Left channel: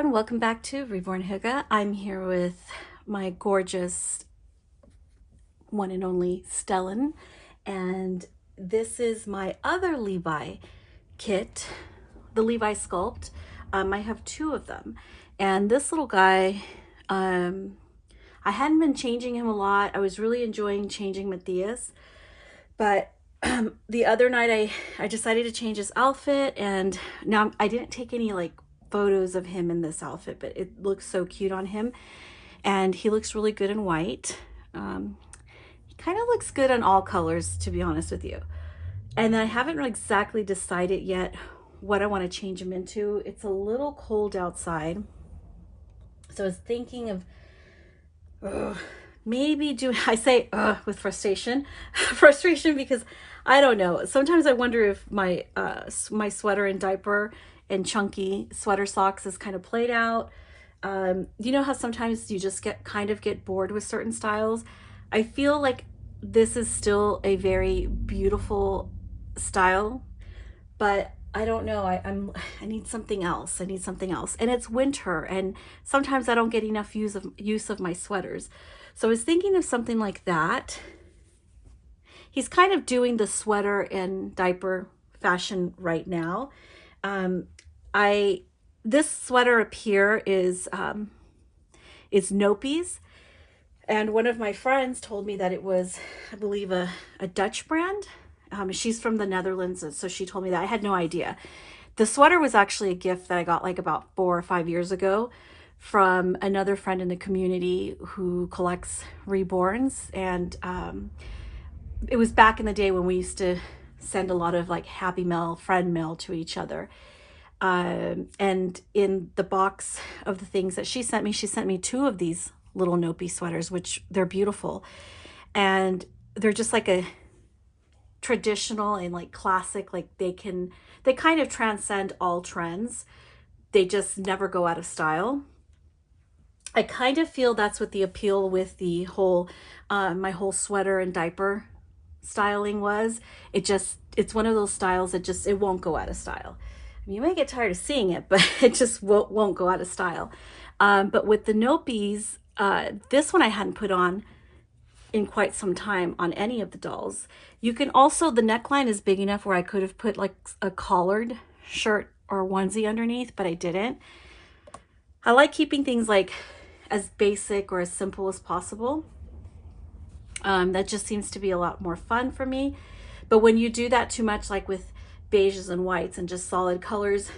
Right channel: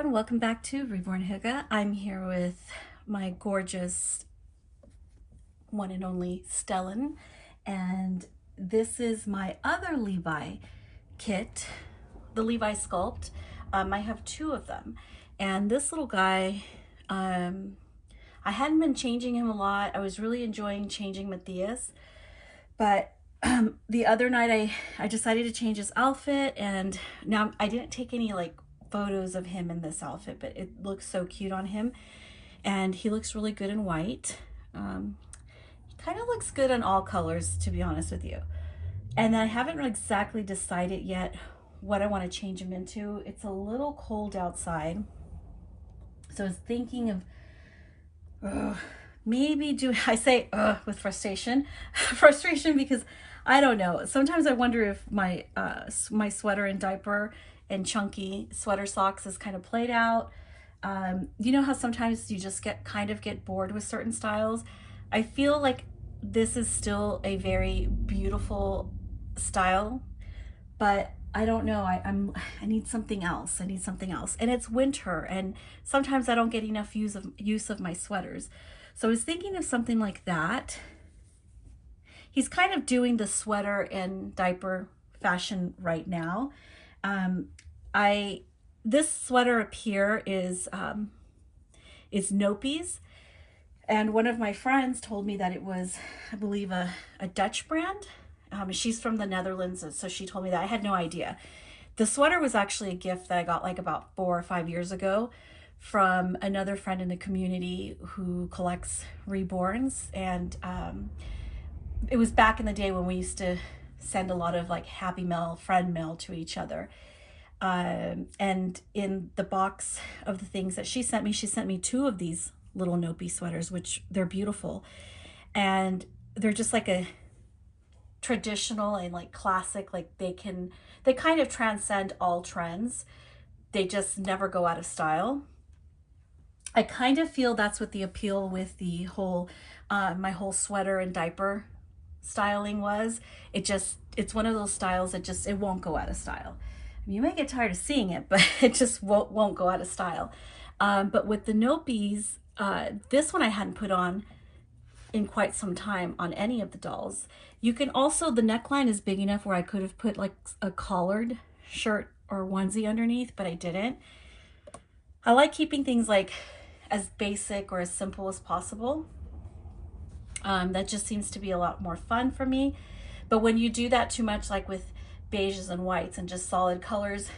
everyone, welcome back to Reborn Huga. I'm here with my gorgeous one and only Stellan, and this is my other Levi kit, the Levi Sculpt. I have two of them, and this little guy, I hadn't been changing him a lot. I was really enjoying changing Matthias, but the other night I decided to change his outfit, and now I didn't take any like photos of him in this outfit, but it looks so cute on him, and he looks really good in white. He kind of looks good in all colors, to be honest with you. And then I haven't really exactly decided yet what I want to change him into. It's a little cold outside, so I was thinking of maybe do I say with frustration frustration, because I don't know, sometimes I wonder if my my sweater and diaper and chunky sweater socks is kind of played out. You know how sometimes you just get bored with certain styles. I feel like this is still a very beautiful style, but I don't know. I need something else. I need something else. And it's winter, and sometimes I don't get enough use of my sweaters. So I was thinking of something like that. He's kind of doing the sweater and diaper fashion right now. This sweater up here is Nopi's, and one of my friends told me that it was, I believe, a Dutch brand. She's from the Netherlands, so she told me that. I had no idea. The sweater was actually a gift that I got like about 4 or 5 years ago from another friend in the community who collects Reborns, and it was back in the day when we used to send a lot of like happy mail, friend mail to each other. And in the box of the things that she sent me 2 of these little Nopi sweaters, which they're beautiful. And they're just like a traditional and like classic, like they kind of transcend all trends. They just never go out of style. I kind of feel that's what the appeal with the whole, my whole sweater and diaper styling was. It's one of those styles that it won't go out of style. I mean, you may get tired of seeing it, but it just won't go out of style. But with the Nopis, this one I hadn't put on in quite some time on any of the dolls. You can also, the neckline is big enough where I could have put like a collared shirt or onesie underneath, but I didn't. I like keeping things like as basic or as simple as possible. That just seems to be a lot more fun for me. But when you do that too much, like with beiges and whites and just solid colors,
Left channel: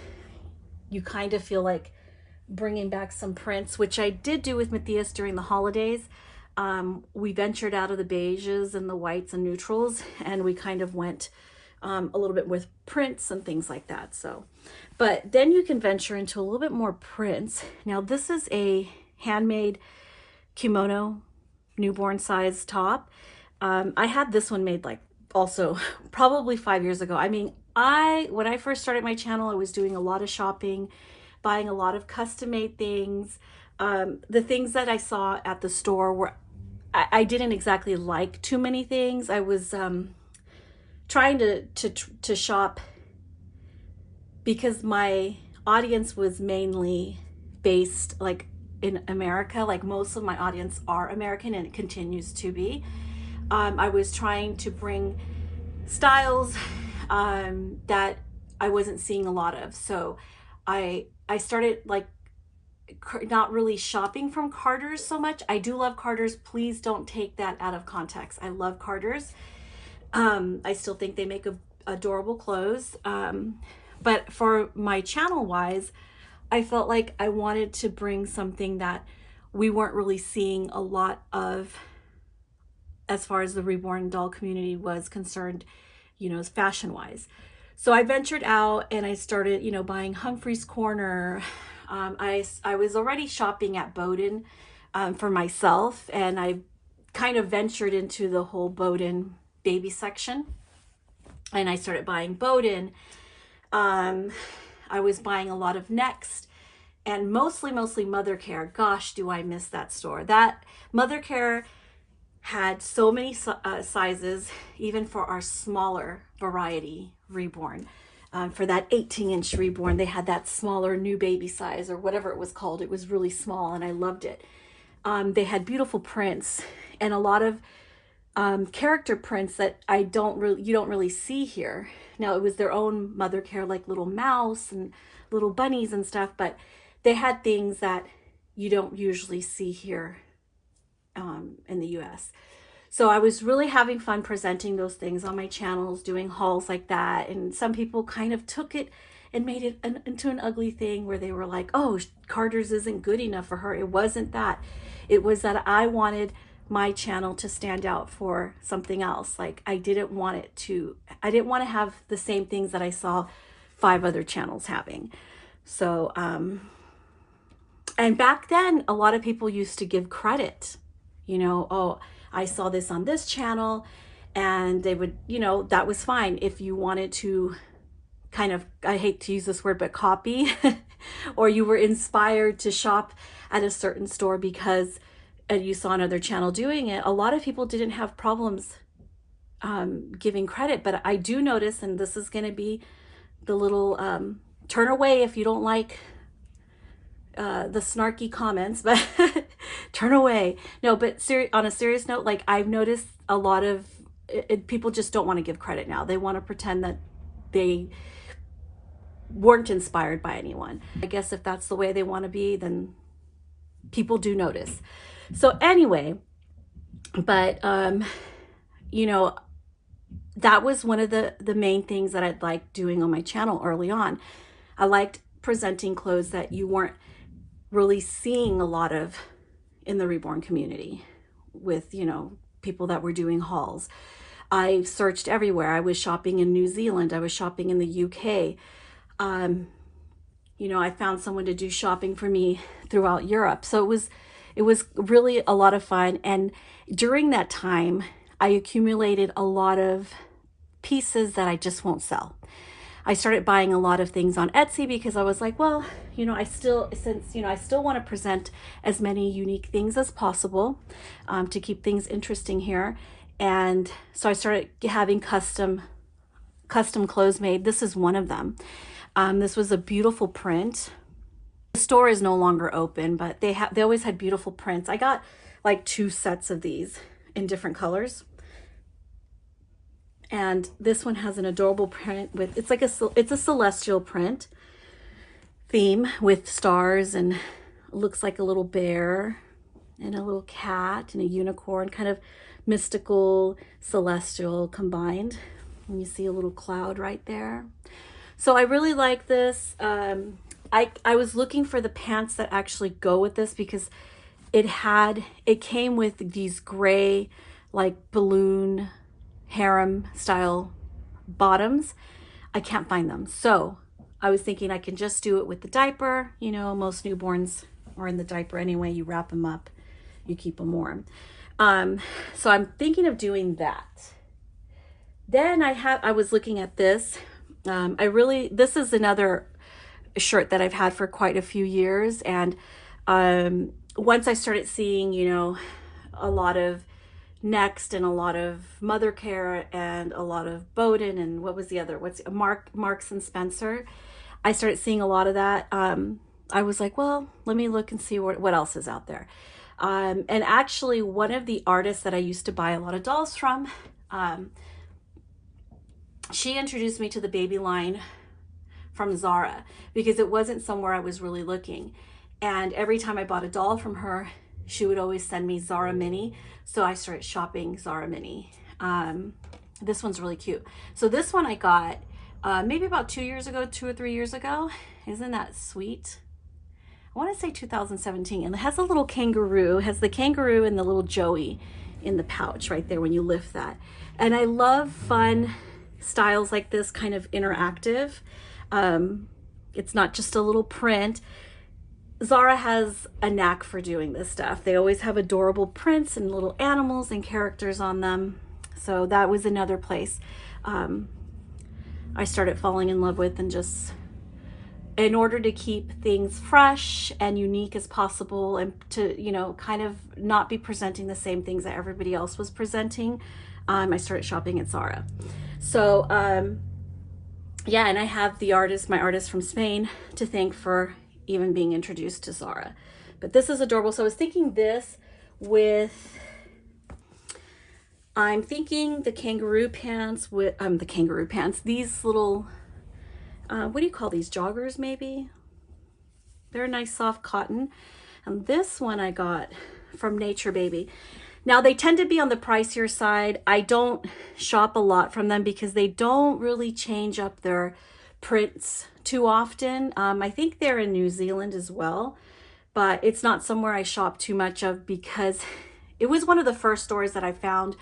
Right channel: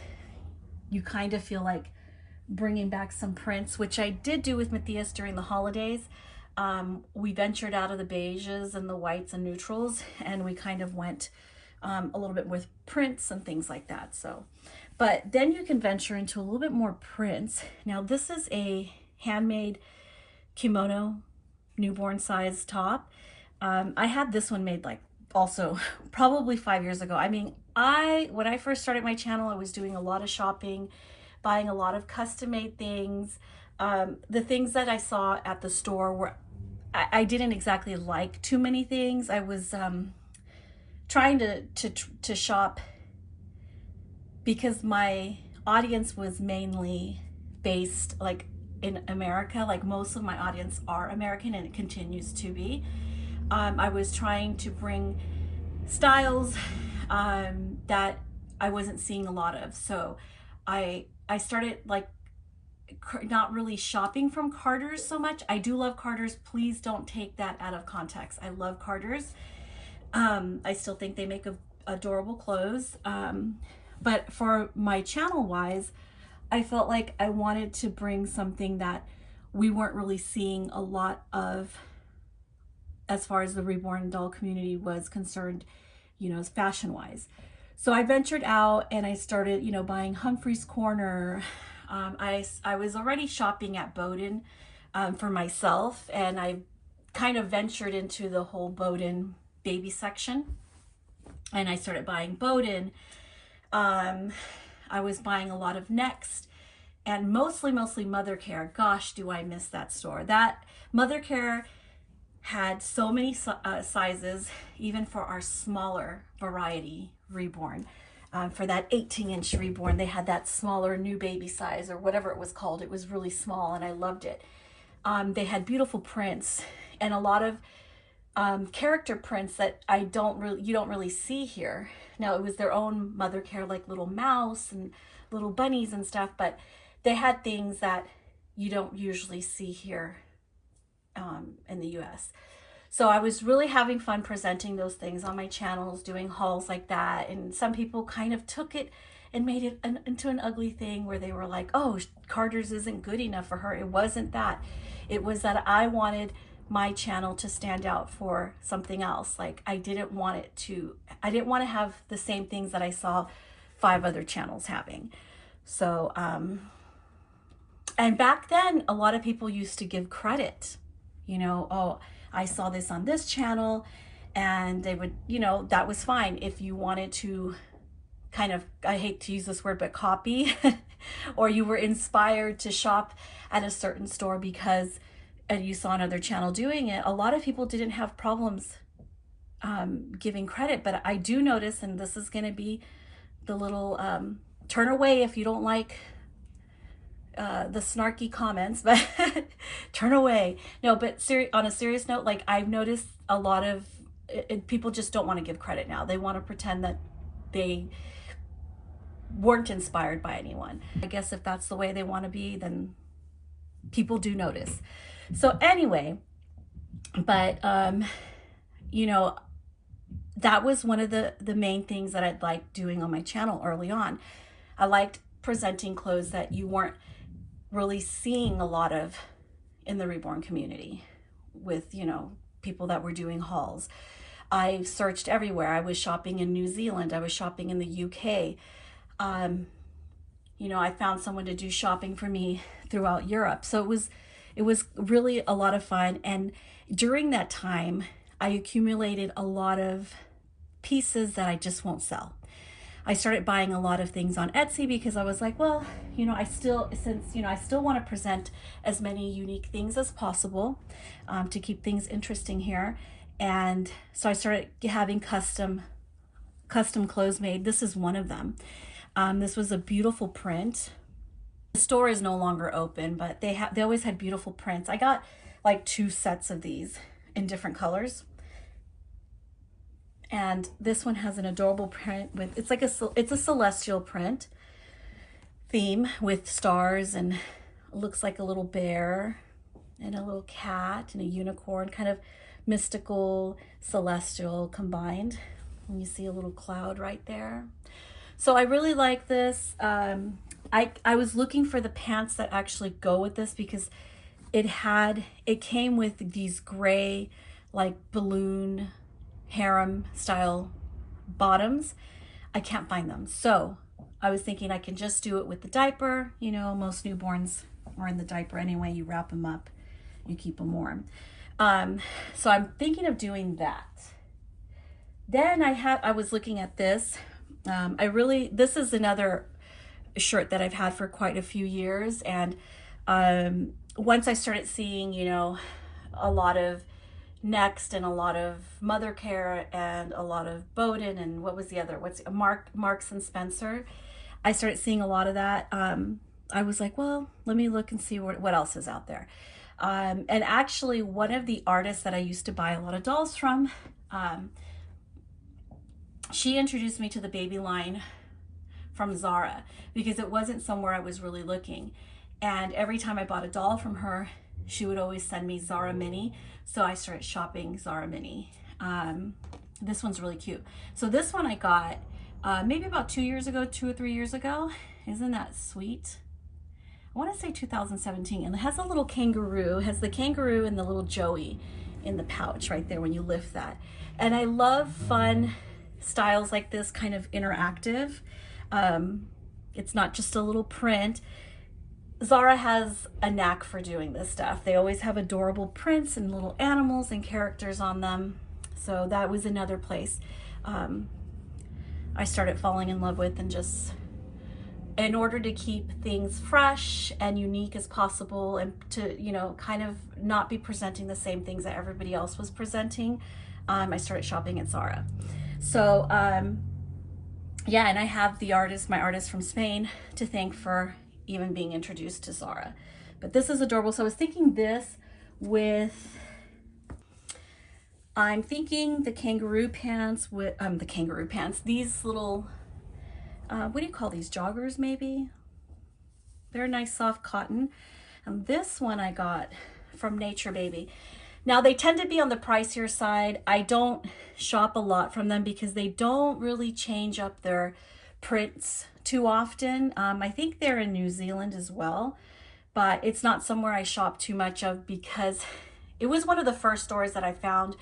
you kind of feel like bringing back some prints, which I did do with Matthias during the holidays. We ventured out of the beiges and the whites and neutrals, and we kind of went a little bit with prints and things like that. So, but then you can venture into a little bit more prints. Now this is a handmade kimono newborn size top. I had this one made like also probably 5 years ago. I mean, when I first started my channel, I was doing a lot of shopping, buying a lot of custom made things. The things that I saw at the store were, I didn't exactly like too many things. I was trying to shop because my audience was mainly based like in America. Like most of my audience are American, and it continues to be. I was trying to bring styles that I wasn't seeing a lot of. So I started like not really shopping from Carter's so much. I do love Carter's. Please don't take that out of context. I love Carter's. I still think they make adorable clothes. But for my channel wise, I felt like I wanted to bring something that we weren't really seeing a lot of as far as the Reborn doll community was concerned, you know, fashion wise. So I ventured out and I started, you know, buying Humphrey's Corner. I was already shopping at Bowden for myself, and I kind of ventured into the whole Bowden baby section, and I started buying Bowden. I was buying a lot of Next, and mostly Mother Care. Gosh, do I miss that store. That Mother Care had so many sizes, even for our smaller variety Reborn. for that 18-inch Reborn. They had that smaller new baby size or whatever it was called. It was really small and I loved it. They had beautiful prints and a lot of character prints that you don't really see here. Now it was their own mother care, like little mouse and little bunnies and stuff, but they had things that you don't usually see here in the US. So I was really having fun presenting those things on my channels, doing hauls like that. And some people kind of took it and made it into an ugly thing where they were like, oh, Carter's isn't good enough for her. It wasn't that. It was that I wanted my channel to stand out for something else. Like I didn't want to have the same things that I saw 5 other channels having. So, and back then, a lot of people used to give credit, you know, oh, I saw this on this channel, and they would, you know, that was fine. If you wanted to kind of, I hate to use this word, but copy, or you were inspired to shop at a certain store because you saw another channel doing it, a lot of people didn't have problems giving credit. But I do notice, and this is going to be the little turn away if you don't like the snarky comments, but turn away. No, but on a serious note, like I've noticed a lot of people just don't want to give credit now. They want to pretend that they weren't inspired by anyone. I guess if that's the way they want to be, then people do notice. So anyway, but you know, that was one of the main things that I'd liked doing on my channel early on. I liked presenting clothes that you weren't really seeing a lot of in the Reborn community with, you know, people that were doing hauls. I searched everywhere. I was shopping in New Zealand. I was shopping in the UK. You know, I found someone to do shopping for me throughout Europe. So it was really a lot of fun. And during that time, I accumulated a lot of pieces that I just won't sell. I started buying a lot of things on Etsy because I was like, well, you know, I still want to present as many unique things as possible to keep things interesting here. And so I started having custom clothes made. This is one of them. This was a beautiful print. The store is no longer open, but they always had beautiful prints. I got like 2 sets of these in different colors. And this one has an adorable print with, it's a celestial print theme with stars, and looks like a little bear and a little cat and a unicorn, kind of mystical, celestial combined. And you see a little cloud right there. So I really like this. I was looking for the pants that actually go with this because it came with these gray, like balloon harem style bottoms. I can't find them. So I was thinking I can just do it with the diaper. You know, most newborns are in the diaper anyway. You wrap them up, you keep them warm. So I'm thinking of doing that. Then I was looking at this. This is another shirt that I've had for quite a few years. And once I started seeing, you know, a lot of Next and a lot of Mother Care and a lot of Bowden and what was the other? Marks and Spencer. I started seeing a lot of that. I was like, well, let me look and see what else is out there. And actually, one of the artists that I used to buy a lot of dolls from, she introduced me to the baby line from Zara because it wasn't somewhere I was really looking. And every time I bought a doll from her, she would always send me Zara Mini. So I started shopping Zara Mini. This one's really cute. So this one I got maybe about 2 or 3 years ago. Isn't that sweet? I want to say 2017. And it has a little kangaroo. It has the kangaroo and the little Joey in the pouch right there when you lift that. And I love fun styles like this, kind of interactive. It's not just a little print. Zara has a knack for doing this stuff. They always have adorable prints and little animals and characters on them. So that was another place I started falling in love with, and just in order to keep things fresh and unique as possible and to, you know, kind of not be presenting the same things that everybody else was presenting, I started shopping at Zara. So yeah, and I have the artist, my artist from Spain, to thank for even being introduced to Zara. But this is adorable. So I was thinking this with, I'm thinking the kangaroo pants with, the kangaroo pants, these little, what do you call these, joggers maybe? They're a nice soft cotton. And this one I got from Nature Baby. Now they tend to be on the pricier side. I don't shop a lot from them because they don't really change up their prints too often. I think they're in New Zealand as well, but it's not somewhere I shop too much of because it was one of the first stores that I found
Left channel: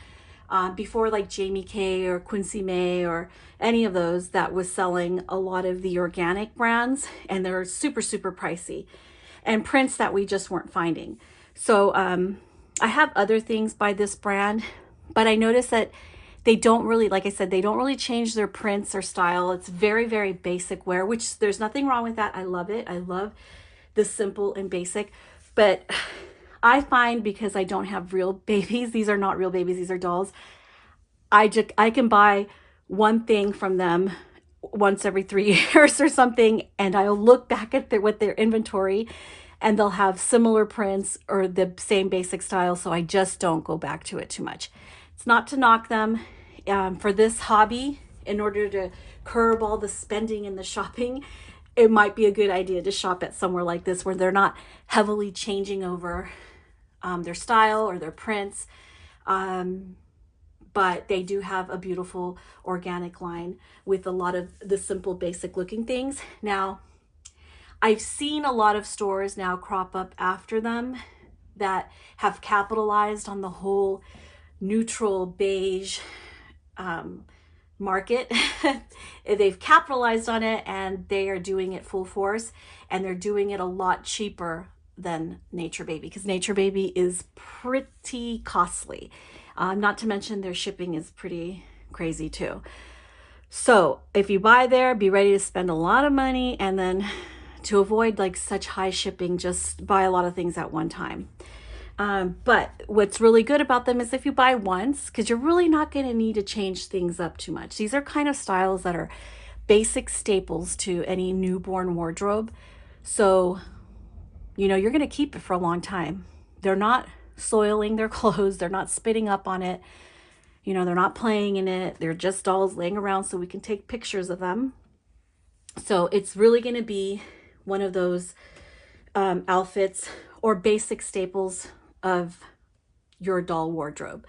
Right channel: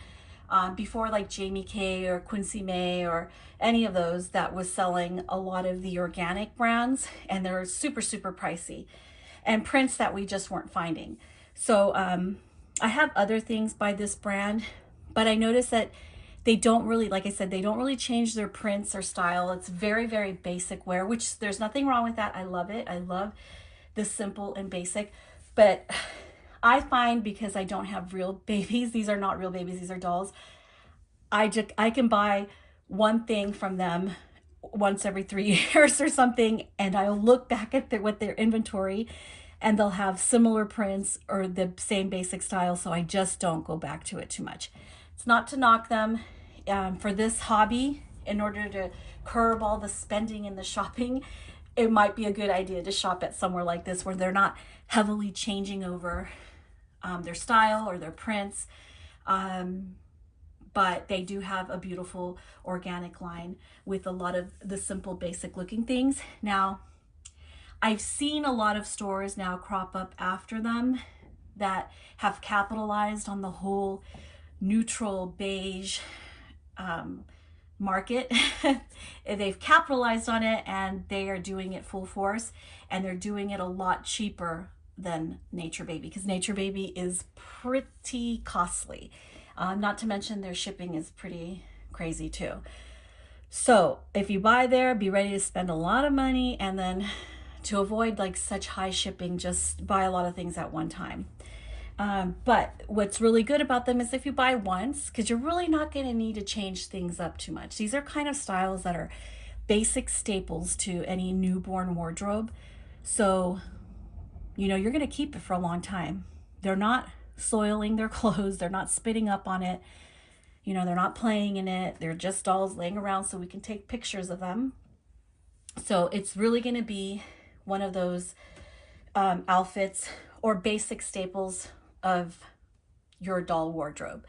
before like Jamie Kay or Quincy May or any of those that was selling a lot of the organic brands, and they're super, super pricey and prints that we just weren't finding. So I have other things by this brand, but I noticed that they don't really, like I said, they don't really change their prints or style. It's very, very basic wear, which there's nothing wrong with that. I love it. I love the simple and basic. But I find, because I don't have real babies, these are not real babies, these are dolls. I can buy one thing from them once every 3 years or something, and I'll look back at what their inventory, and they'll have similar prints or the same basic style. So I just don't go back to it too much. It's not to knock them. For this hobby, in order to curb all the spending and the shopping, it might be a good idea to shop at somewhere like this where they're not heavily changing over their style or their prints. But they do have a beautiful organic line with a lot of the simple basic looking things. Now, I've seen a lot of stores now crop up after them that have capitalized on the whole neutral beige market. They've capitalized on it and they are doing it full force, and they're doing it a lot cheaper than Nature Baby, because Nature Baby is pretty costly. Not to mention their shipping is pretty crazy too. So if you buy there, be ready to spend a lot of money, and then to avoid like such high shipping, just buy a lot of things at one time. But what's really good about them is if you buy once, because you're really not going to need to change things up too much. These are kind of styles that are basic staples to any newborn wardrobe. So, you know, you're going to keep it for a long time. They're not soiling their clothes. They're not spitting up on it. You know, they're not playing in it. They're just dolls laying around so we can take pictures of them. So it's really going to be one of those outfits or basic staples of your doll wardrobe.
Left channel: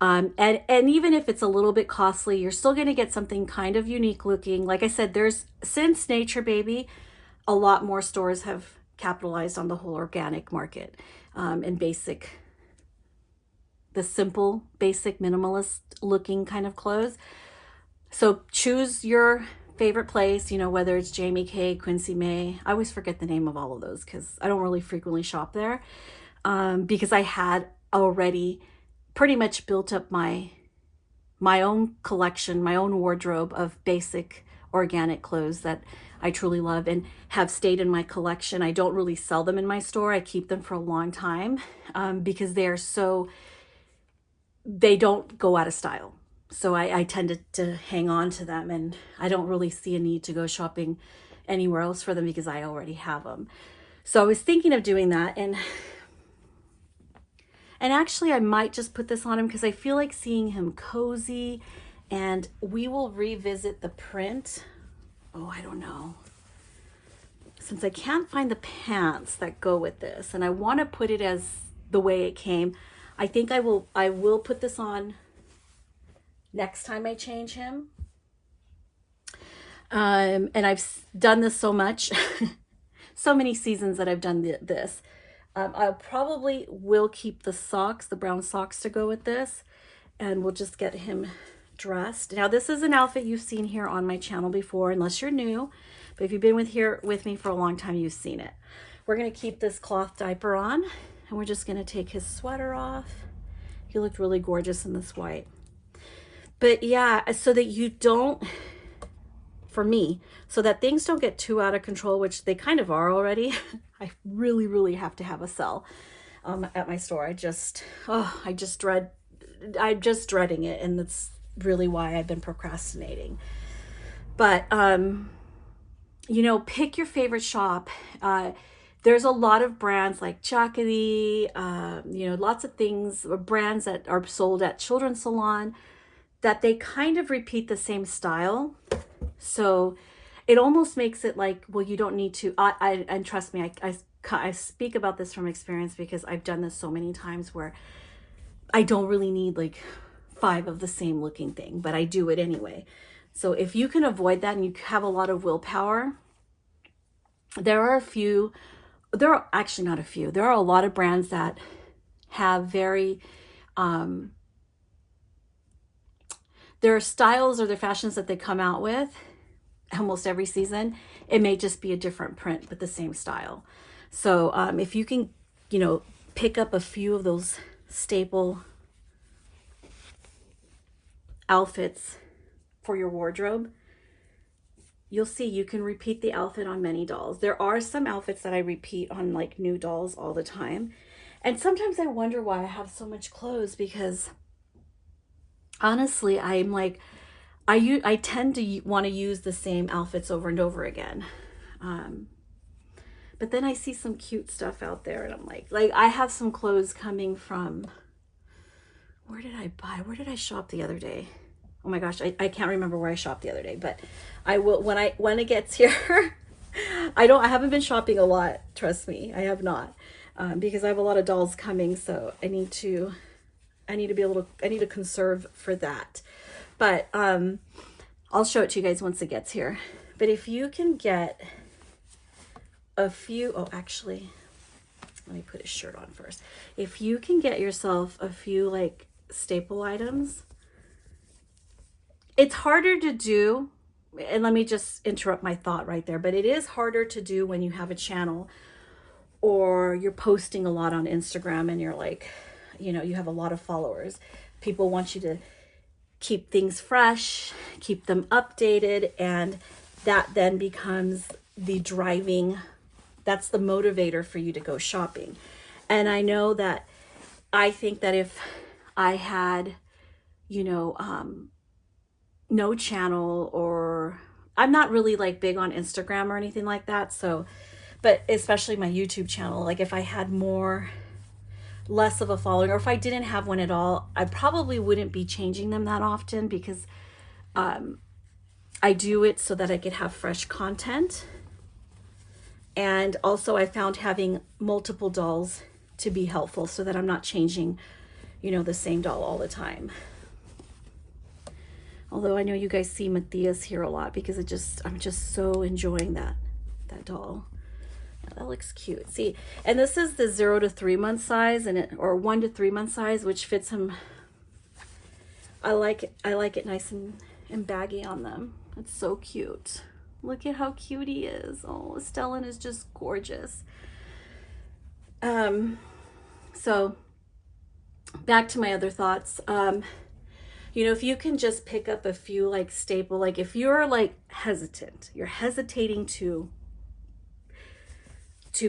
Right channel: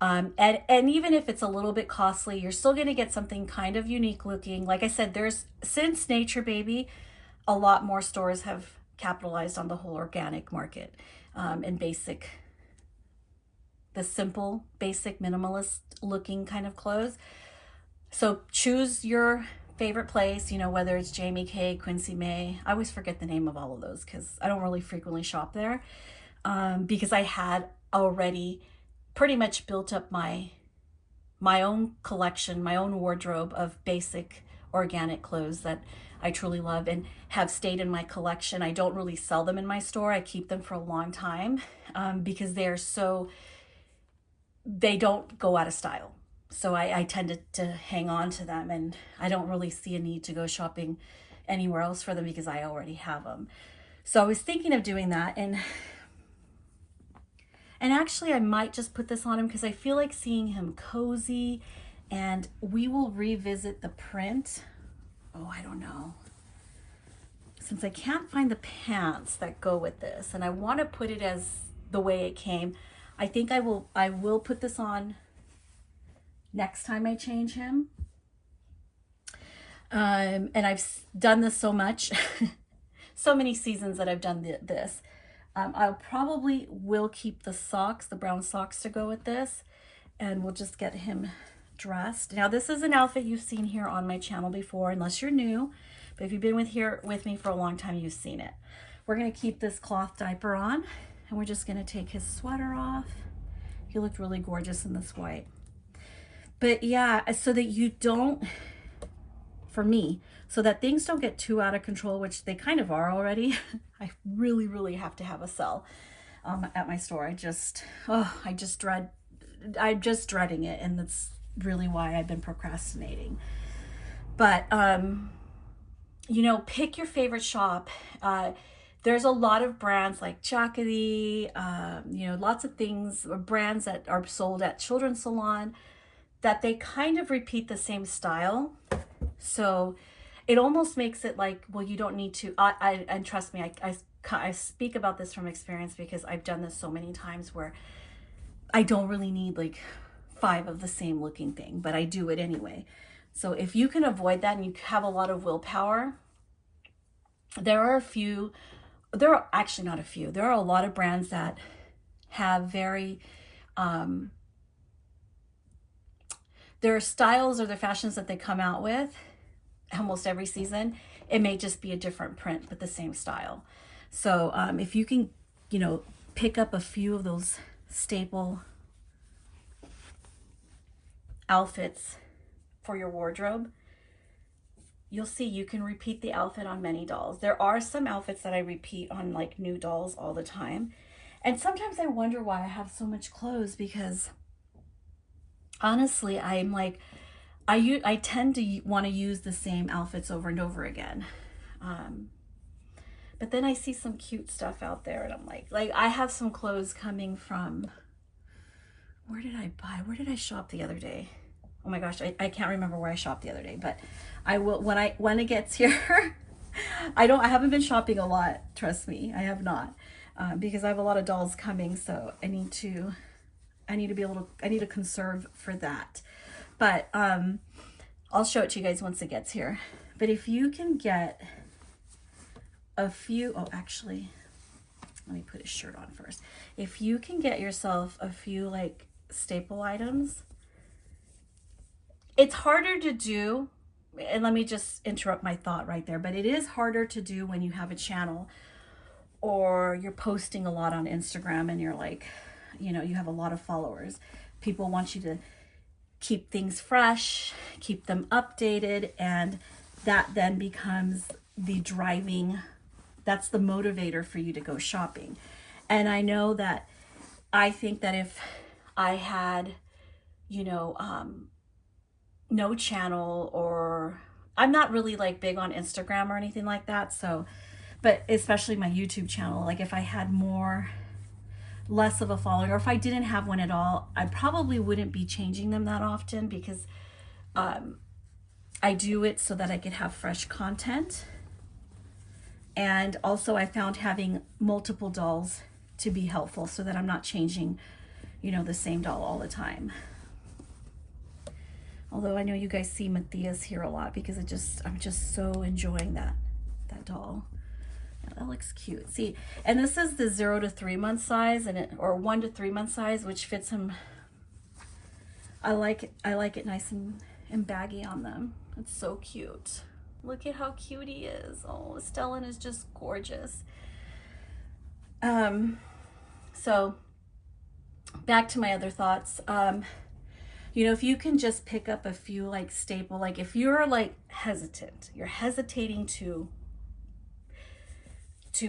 And even if it's a little bit costly, you're still going to get something kind of unique looking. Like I said, there's, since Nature Baby, a lot more stores have capitalized on the whole organic market, and basic, the simple, basic, minimalist looking kind of clothes. So choose your favorite place, you know, whether it's Jamie Kay, Quincy May. I always forget the name of all of those because I don't really frequently shop there, because I had already pretty much built up my own collection, my own wardrobe of basic organic clothes that I truly love and have stayed in my collection. I don't really sell them in my store. I keep them for a long time, because they don't go out of style. So I tend to hang on to them, and I don't really see a need to go shopping anywhere else for them because I already have them. So I was thinking of doing that, and actually I might just put this on him because I feel like seeing him cozy, and we will revisit the print. Oh, I don't know. Since I can't find the pants that go with this, and I want to put it as the way it came, I think I will put this on next time I change him. And I've done this so much, so many seasons that I've done this. I probably will keep the socks, the brown socks, to go with this, and we'll just get him dressed. Now, this is an outfit you've seen here on my channel before, unless you're new, but if you've been with me for a long time, you've seen it. We're going to keep this cloth diaper on, and we're just going to take his sweater off. He looked really gorgeous in this white. But yeah, so that you don't, for me, so that things don't get too out of control, which they kind of are already. I really, really have to have a sale at my store. I'm just dreading it, and that's really why I've been procrastinating. But you know, pick your favorite shop. There's a lot of brands like Chakity, you know, lots of things or brands that are sold at children's salon that they kind of repeat the same style. So it almost makes it like, well, you don't need to. And trust me, I speak about this from experience because I've done this so many times where I don't really need like 5 of the same looking thing, but I do it anyway. So if you can avoid that and you have a lot of willpower, there are a few, there are actually not a few, there are a lot of brands that have very, um, their styles or their fashions that they come out with almost every season. It may just be a different print, but the same style. So if you can, you know, pick up a few of those staple outfits for your wardrobe, you'll see you can repeat the outfit on many dolls. There are some outfits that I repeat on like new dolls all the time. And sometimes I wonder why I have so much clothes, because honestly, I'm like, I tend to want to use the same outfits over and over again. Um, but then I see some cute stuff out there and I'm like I have some clothes coming from, where did I buy? Where did I shop the other day? Oh my gosh, I can't remember where I shopped the other day, but I will when it gets here. I haven't been shopping a lot, trust me. I have not. Because I have a lot of dolls coming, so I need to be able to, I need to conserve for that. But I'll show it to you guys once it gets here. But if you can get a few, oh actually, let me put his shirt on first. If you can get yourself a few like staple items, it's harder to do. And let me just interrupt my thought right there, but it is harder to do when you have a channel or you're posting a lot on Instagram and you're like, you know, you have a lot of followers. People want you to keep things fresh, keep them updated, and that then becomes the driving, that's the motivator for you to go shopping. And I know that I think that if I had, you know, no channel, or I'm not really like big on Instagram or anything like that. So, but especially my YouTube channel, like if I had less of a following, or if I didn't have one at all, I probably wouldn't be changing them that often, because I do it so that I could have fresh content. And also I found having multiple dolls to be helpful so that I'm not changing, you know, the same doll all the time. Although I know you guys see Matthias here a lot because I'm just so enjoying that doll. That looks cute. See, and this is the 0 to 3 month size, or 1 to 3 month size, which fits him. I like it nice and baggy on them. It's so cute. Look at how cute he is. Oh, Stellan is just gorgeous. So back to my other thoughts. You know, if you can just pick up a few like staple, like if you're like hesitant, you're hesitating to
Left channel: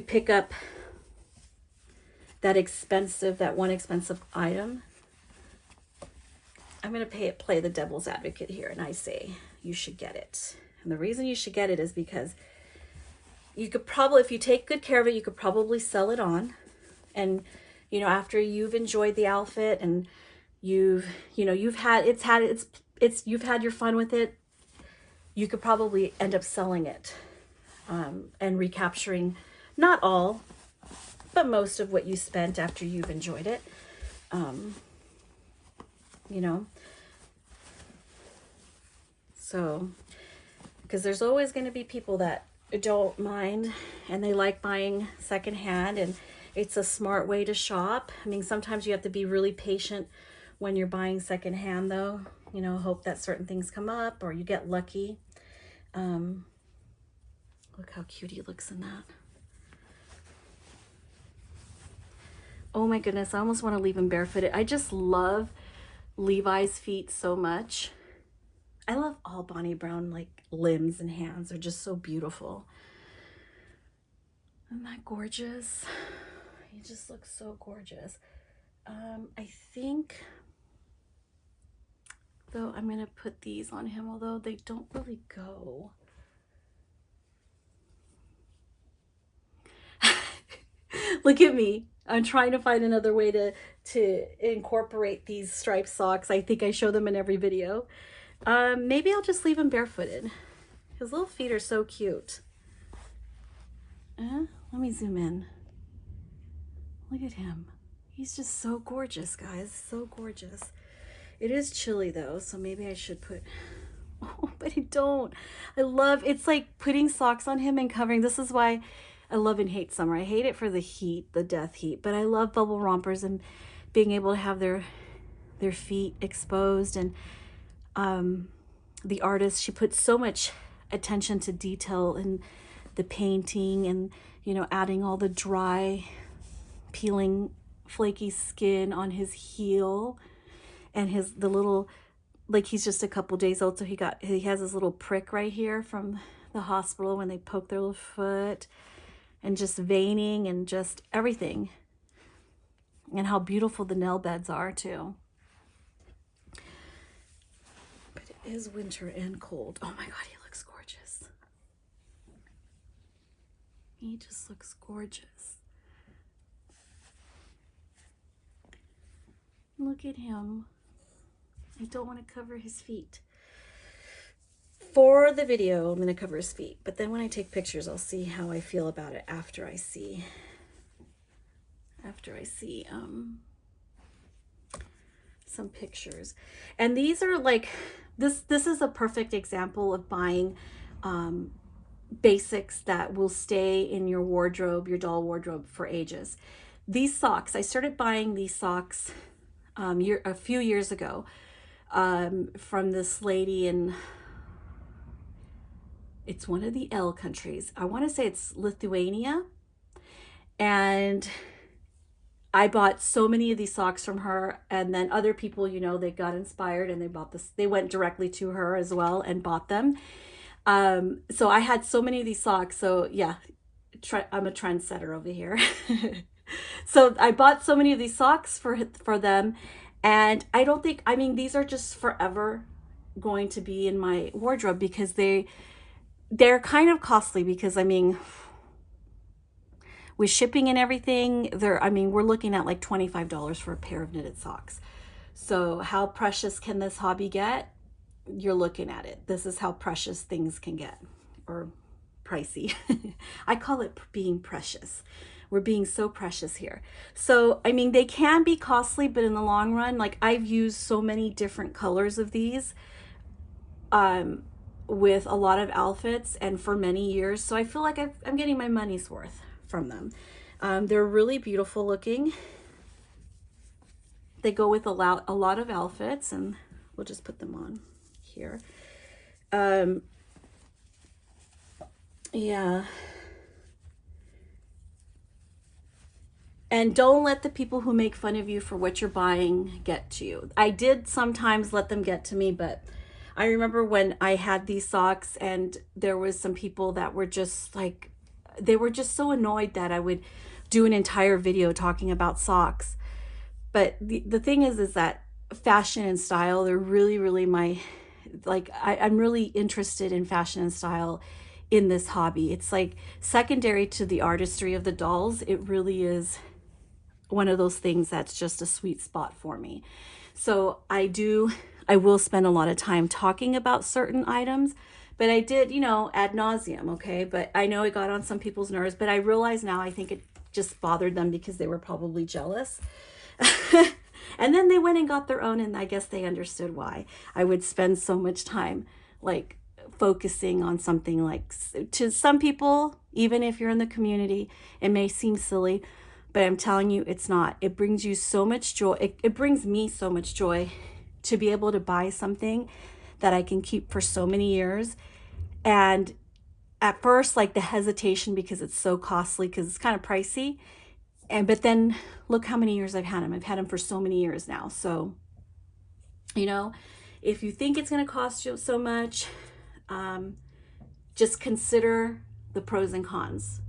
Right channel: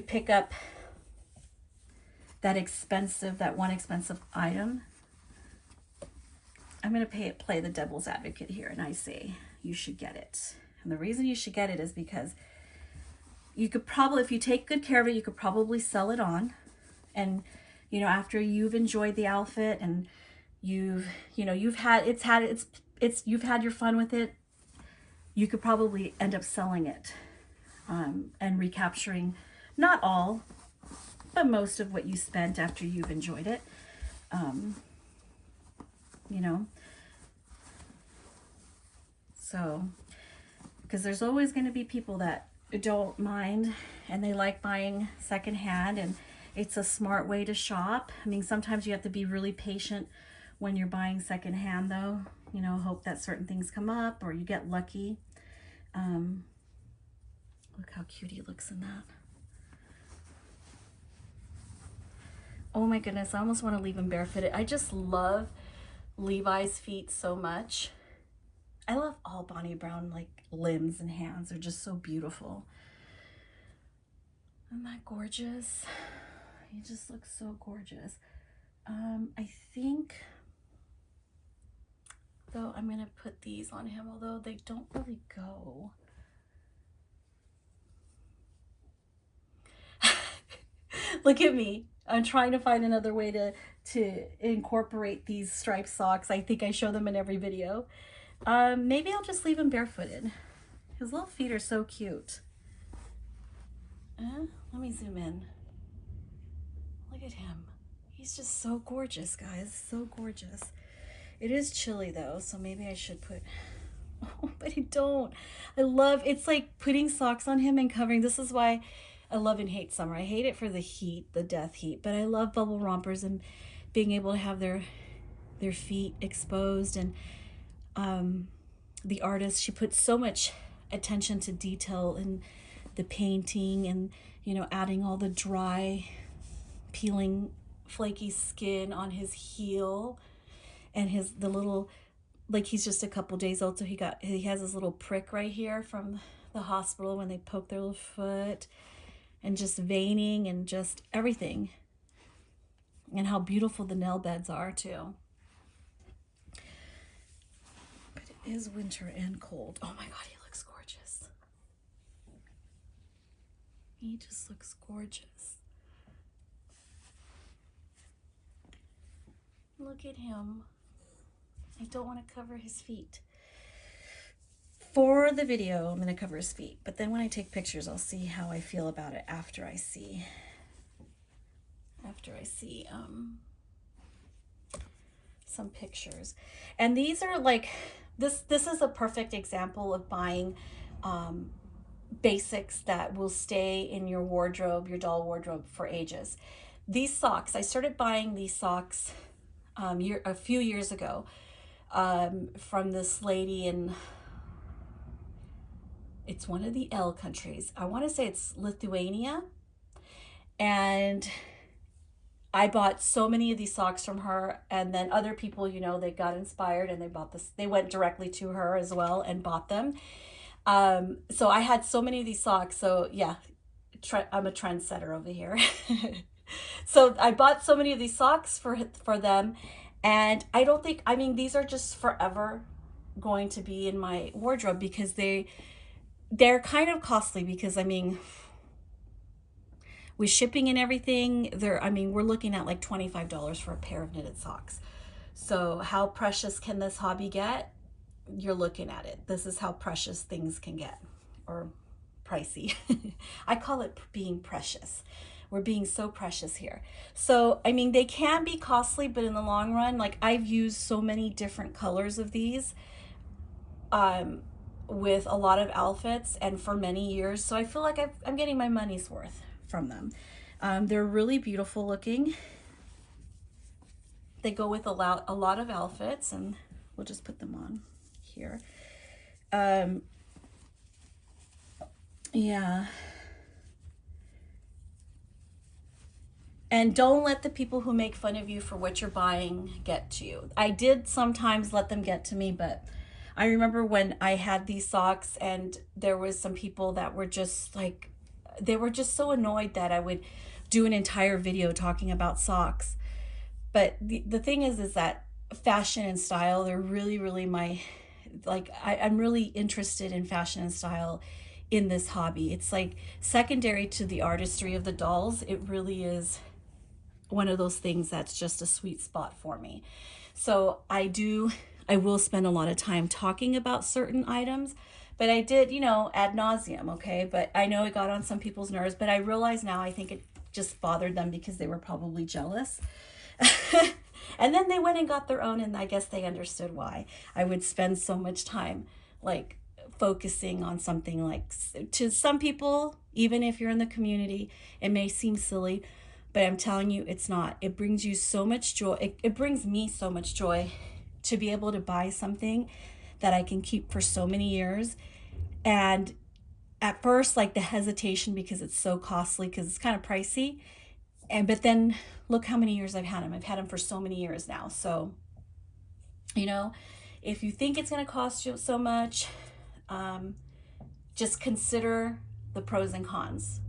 pick up that one expensive item, I'm going to play the devil's advocate here, and I say you should get it. And the reason you should get it is because you could probably, if you take good care of it, you could probably sell it on. And, you know, after you've enjoyed the outfit and you've had your fun with it, you could probably end up selling it, and recapturing not all, but most of what you spent after you've enjoyed it. You know, so, because there's always going to be people that don't mind and they like buying secondhand, and it's a smart way to shop. I mean, sometimes you have to be really patient when you're buying secondhand, though. You know, hope that certain things come up or you get lucky. Look how cute he looks in that. Oh my goodness, I almost want to leave him barefooted. I just love Levi's feet so much. I love all Bonnie Brown like limbs and hands. They're just so beautiful. Isn't that gorgeous? He just looks so gorgeous. I think though. I'm gonna put these on him, although they don't really go. Look at me. I'm trying to find another way to incorporate these striped socks. I think I show them in every video. Maybe I'll just leave him barefooted. His little feet are so cute. Let me zoom in. Look at him. He's just so gorgeous, guys. So gorgeous. It is chilly though, so maybe I should put... Oh, but I don't. It's like putting socks on him and covering. This is why I love and hate summer. I hate it for the heat, the death heat, but I love bubble rompers and being able to have their feet exposed. And the artist, she puts so much attention to detail in the painting, and you know, adding all the dry, peeling, flaky skin on his heel, and the little, like, he's just a couple days old, so he has this little prick right here from the hospital when they poke their little foot, and just veining and just everything, and how beautiful the nail beds are too. But it is winter and cold. Oh my god, he looks gorgeous. He just looks gorgeous. Look at him. I don't want to cover his feet. For the video, I'm going to cover his feet, but then when I take pictures, I'll see how I feel about it after I see some pictures. And these are like, this is a perfect example of buying basics that will stay in your wardrobe, your doll wardrobe, for ages. These socks, I started buying these socks a few years ago from this lady in, it's one of the L countries. I want to say it's Lithuania. And I bought so many of these socks from her, and then other people, you know, they got inspired and they bought this. They went directly to her as well and bought them. So I had so many of these socks. So yeah, I'm a trendsetter over here. So I bought so many of these socks for them, and I don't think, I mean, these are just forever going to be in my wardrobe because they're kind of costly, because I mean, with shipping and everything, we're looking at like $25 for a pair of knitted socks. So how precious can this hobby get? You're looking at it. This is how precious things can get, or pricey. I call it being precious. We're being so precious here. So, I mean, they can be costly, but in the long run, like, I've used so many different colors of these with a lot of outfits and for many years. So I feel like I'm getting my money's worth from them. They're really beautiful looking. They go with a lot of outfits, and we'll just put them on here. Yeah. And don't let the people who make fun of you for what you're buying get to you. I did sometimes let them get to me, but I remember when I had these socks and there was some people that were just like, they were just so annoyed that I would do an entire video talking about socks. But the thing is that fashion and style, they're really, really I'm really interested in fashion and style in this hobby. It's like secondary to the artistry of the dolls. It really is one of those things that's just a sweet spot for me. So I will spend a lot of time talking about certain items, but I did, you know, ad nauseum, okay? But I know it got on some people's nerves, but I realize now I think it just bothered them because they were probably jealous. And then they went and got their own, and I guess they understood why I would spend so much time like focusing on something like, to some people, even if you're in the community, it may seem silly, but I'm telling you, it's not. It brings you so much joy. It brings me so much joy to be able to buy something that I can keep for so many years. And at first, like, the hesitation because it's so costly, because it's kind of pricey. But then look how many years I've had them. I've had them for so many years now. So, you know, if you think it's going to cost you so much, just consider the pros and cons.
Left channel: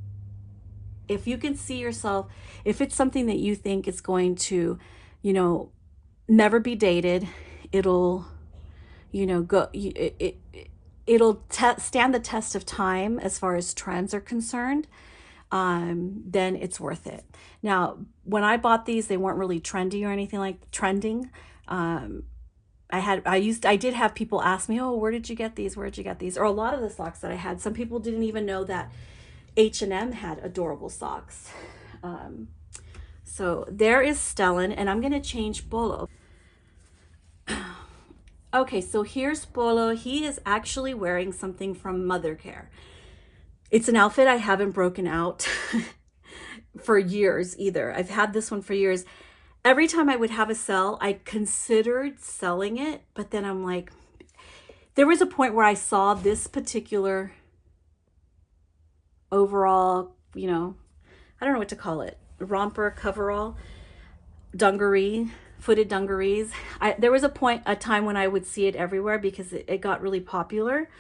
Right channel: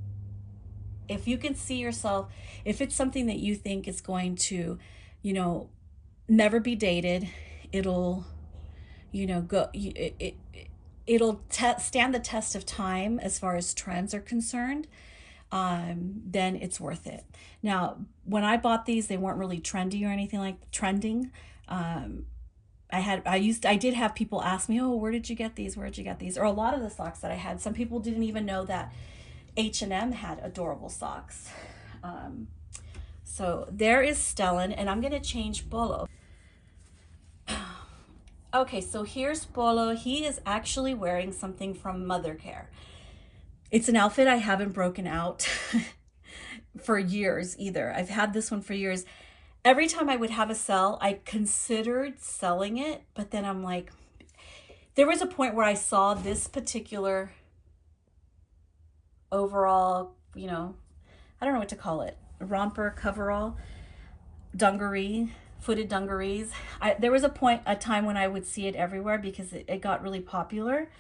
If you can see yourself, if it's something that you think is going to, you know, never be dated, it'll you know, it'll stand the test of time as far as trends are concerned, then it's worth it. Now, when I bought these, they weren't really trendy or anything like trending. I did have people ask me, oh, where did you get these? Where did you get these? Or a lot of the socks that I had, some people didn't even know that H&M had adorable socks. So there is Stellan, and I'm going to change Bolo. Okay, so here's Bolo. He is actually wearing something from Mother Care. It's an outfit I haven't broken out for years either. I've had this one for years. Every time I would have a sell, I considered selling it, but then I'm like, there was a point where I saw this particular overall, you know, I don't know what to call it, romper, coverall, dungaree, footed dungarees. There was a time when I would see it everywhere because it got really popular.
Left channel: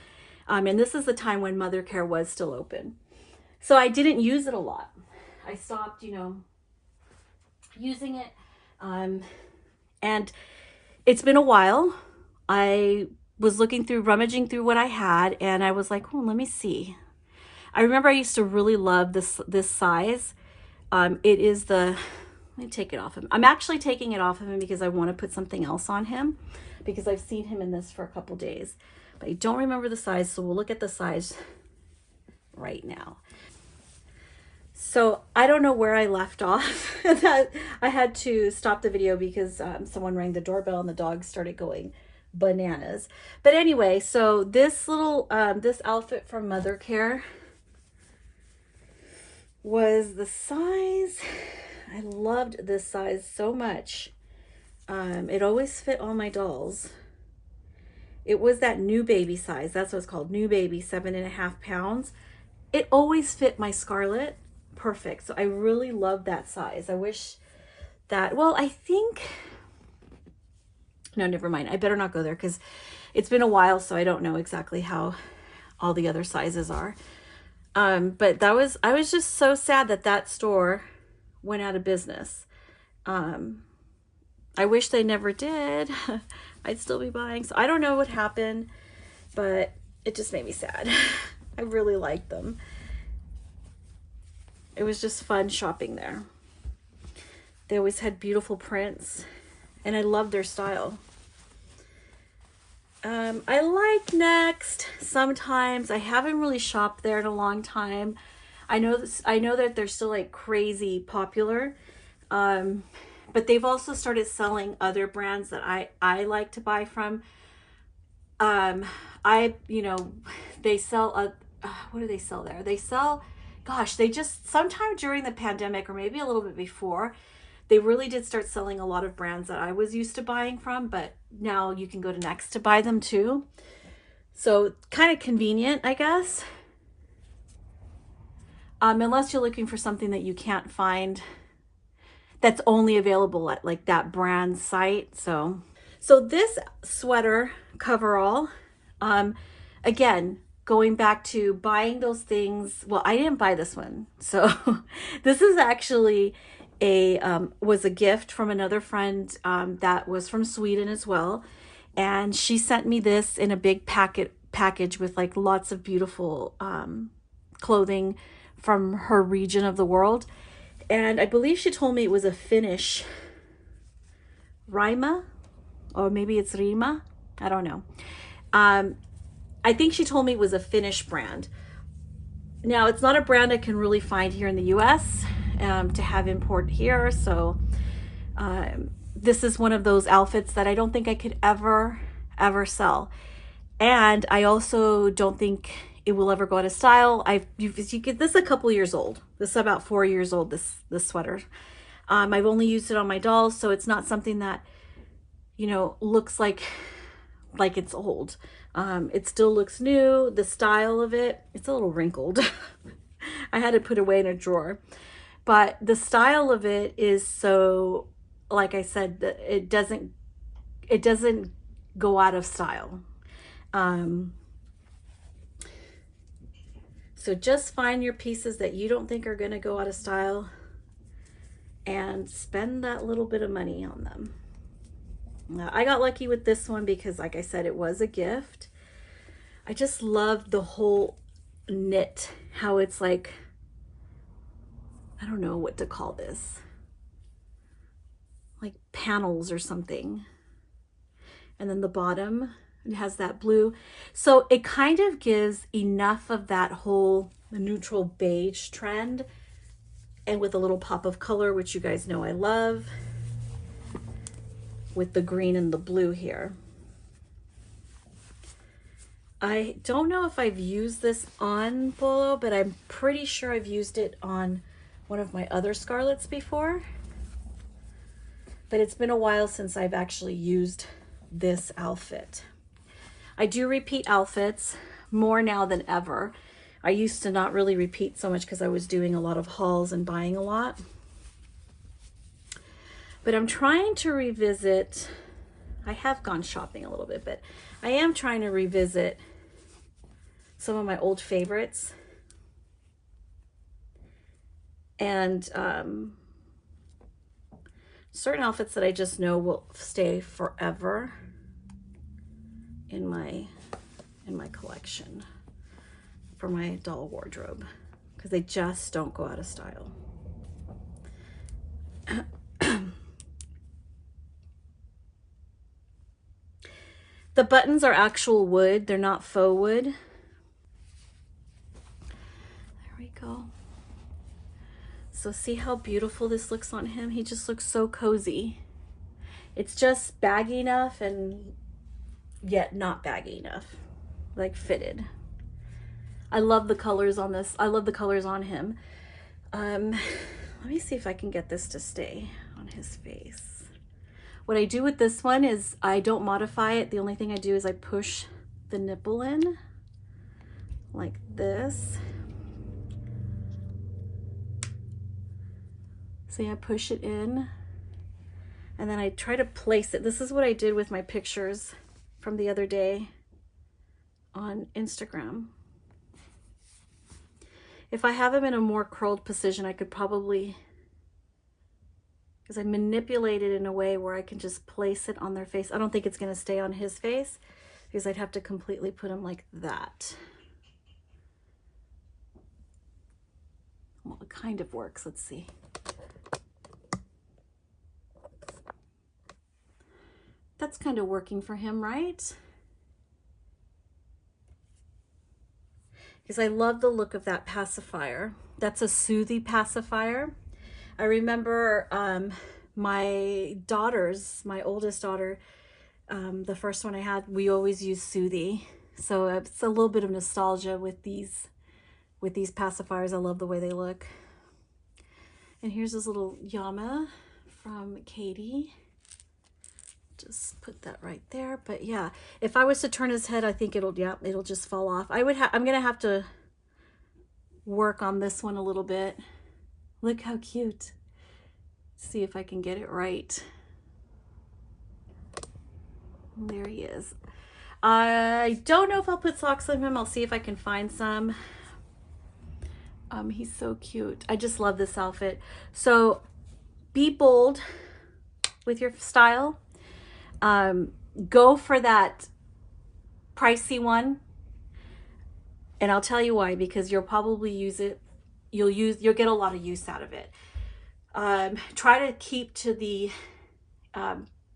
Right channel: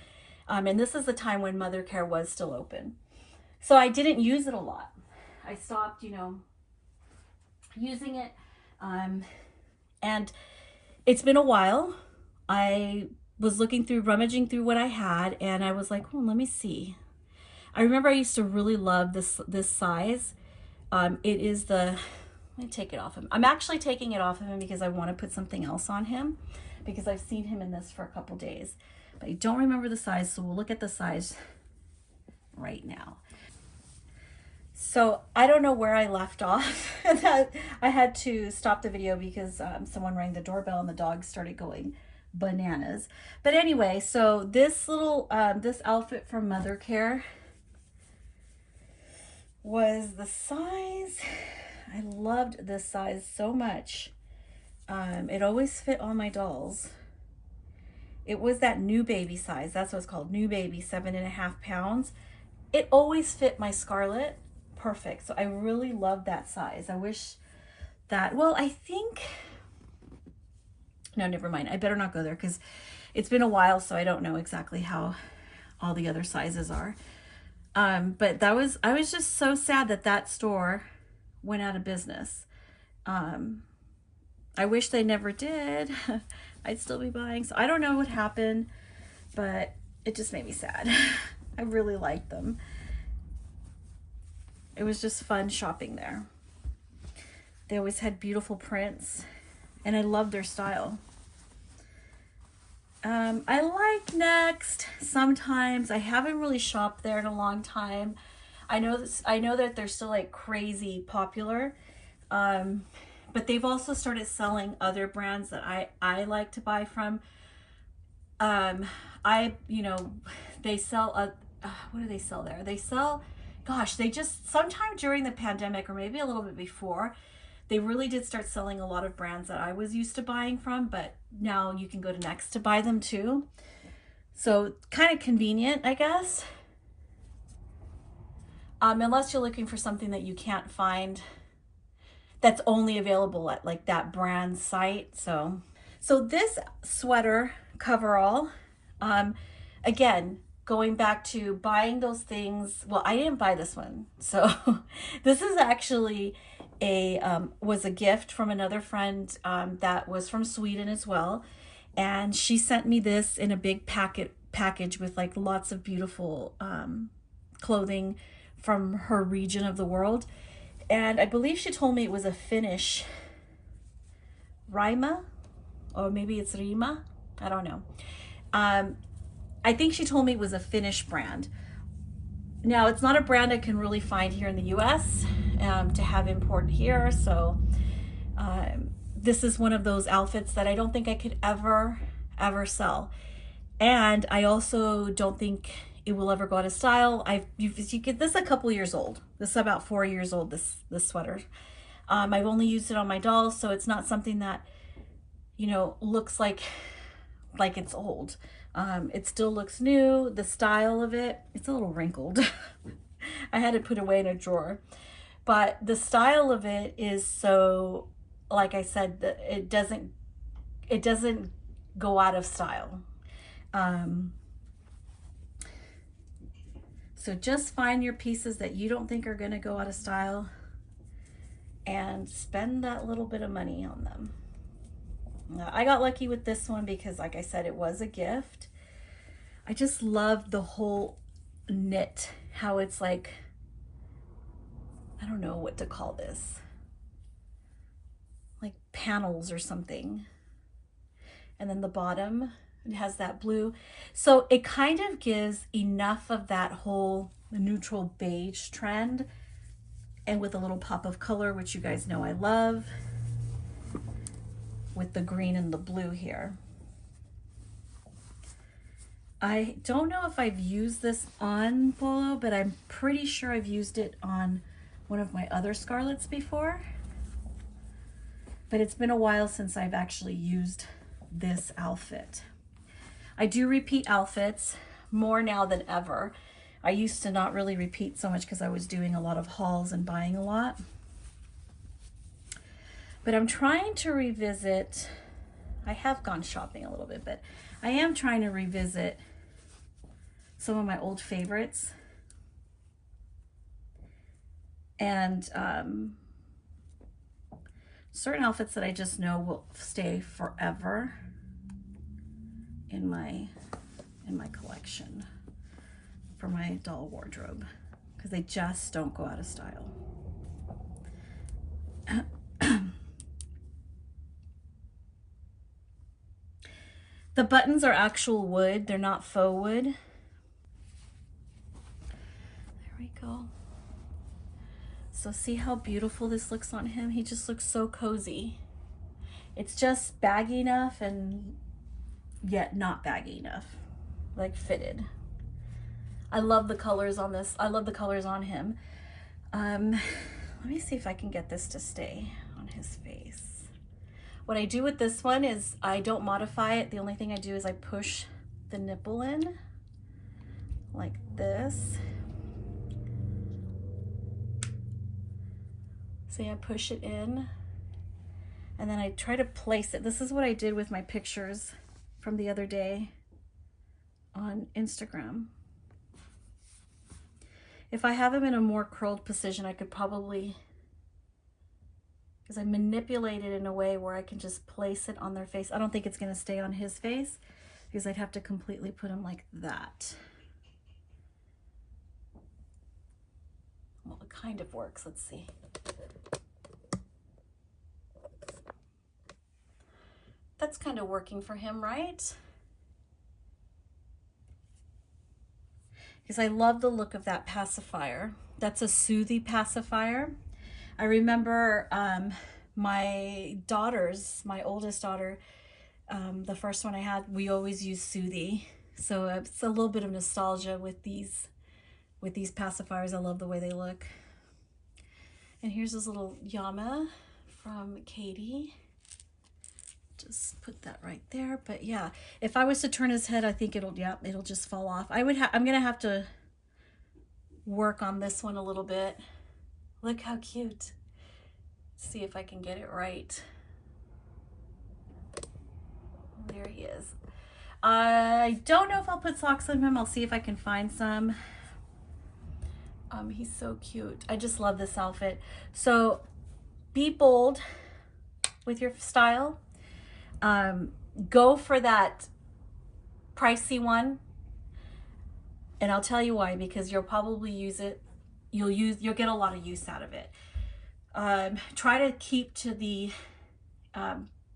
And this is the time when Mother Care was still open. So I didn't use it a lot. I stopped, you know, using it. And it's been a while. I was rummaging through what I had, and I was like, oh, let me see. I remember I used to really love this size. It is let me take it off him. I'm actually taking it off of him because I want to put something else on him, because I've seen him in this for a couple days, but I don't remember the size. So we'll look at the size right now. So I don't know where I left off. I had to stop the video because someone rang the doorbell and the dog started going bananas. But anyway, so this little, this outfit from Mother Care was the size. I loved this size so much. It always fit all my dolls. It was that new baby size. That's what it's called, new baby, 7.5 pounds. It always fit my Scarlett perfect. So I really love that size. I wish that, well, I think, no, never mind. I better not go there because it's been a while, so I don't know exactly how all the other sizes are. But I was just so sad that store went out of business. I wish they never did. I'd still be buying. So I don't know what happened, but it just made me sad. I really liked them. It was just fun shopping there. They always had beautiful prints, and I loved their style. I like Next sometimes. I haven't really shopped there in a long time. I know that they're still like crazy popular, but they've also started selling other brands that I like to buy from. You know, they sell what do they sell there? They sell, gosh, they just, sometime during the pandemic or maybe a little bit before, they really did start selling a lot of brands that I was used to buying from, but now you can go to Next to buy them too. So kind of convenient, I guess. Unless you're looking for something that you can't find that's only available at like that brand site. So this sweater coverall, again, going back to buying those things. Well, I didn't buy this one. So this is actually was a gift from another friend that was from Sweden as well. And she sent me this in a big package with like lots of beautiful clothing from her region of the world. And I believe she told me it was a Finnish Rima, or maybe it's Rima. I don't know. I think she told me it was a Finnish brand. Now, it's not a brand I can really find here in the US to have imported here. So this is one of those outfits that I don't think I could ever sell. And I also don't think it will ever go out of style. You get this a couple years old. This is about 4 years old, this sweater. I've only used it on my dolls, so it's not something that, you know, looks like it's old. It still looks new. The style of it, it's a little wrinkled. I had to put it away in a drawer. But the style of it is so, like I said, that it doesn't go out of style. So just find your pieces that you don't think are going to go out of style and spend that little bit of money on them. I got lucky with this one because, like I said, it was a gift. I just love the whole knit, how it's like, I don't know what to call this, like panels or something. And then the bottom, it has that blue. So it kind of gives enough of that whole neutral beige trend, and with a little pop of color, which you guys know I love, with the green and the blue here. I don't know if I've used this on Bolo, but I'm pretty sure I've used it on one of my other Scarlets before. But it's been a while since I've actually used this outfit. I do repeat outfits more now than ever. I used to not really repeat so much because I was doing a lot of hauls and buying a lot. But I'm trying to revisit, I have gone shopping a little bit, but I am trying to revisit some of my old favorites. And certain outfits that I just know will stay forever in my collection for my doll wardrobe, because they just don't go out of style. The buttons are actual wood, they're not faux wood. There we go. So see how beautiful this looks on him? He just looks so cozy. It's just baggy enough and yet not baggy enough, like fitted. I love the colors on this. I love the colors on him. Let me see if I can get this to stay on his face. What I do with this one is I don't modify it. The only thing I do is I push the nipple in like this. See, I push it in and then I try to place it. This is what I did with my pictures from the other day on Instagram. If I have him in a more curled position, I could probably, because I manipulate it in a way where I can just place it on their face. I don't think it's going to stay on his face because I'd have to completely put him like that. Well, it kind of works. Let's see. That's kind of working for him, right? Because I love the look of that pacifier. That's a Soothie pacifier. I remember my daughters, my oldest daughter, the first one I had, we always used Soothie. So it's a little bit of nostalgia with these pacifiers. I love the way they look. And here's this little Yama from Katie. Just put that right there. But yeah, if I was to turn his head, I think it'll just fall off. I'm gonna have to work on this one a little bit. Look how cute. See if I can get it right. There he is. I don't know if I'll put socks on him. I'll see if I can find some. He's so cute. I just love this outfit. So be bold with your style. Go for that pricey one, and I'll tell you why, because you'll probably use it. You'll get a lot of use out of it. Try to keep to the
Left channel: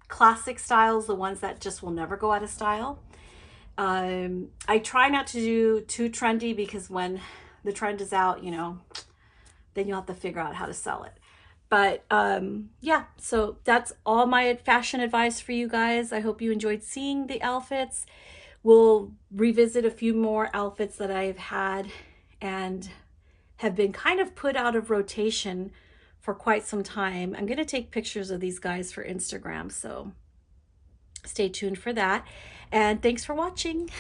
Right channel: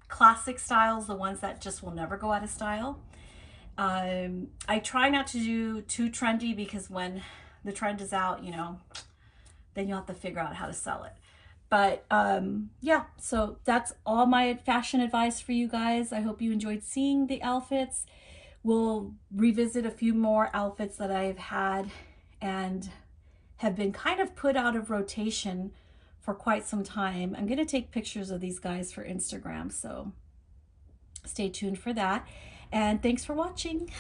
classic styles, the ones that just will never go out of style. I try not to do too trendy, because when the trend is out, you know, then you'll have to figure out how to sell it. But yeah, so that's all my fashion advice for you guys. I hope you enjoyed seeing the outfits. We'll revisit a few more outfits that I've had and have been kind of put out of rotation for quite some time. I'm going to take pictures of these guys for Instagram, so stay tuned for that. And thanks for watching.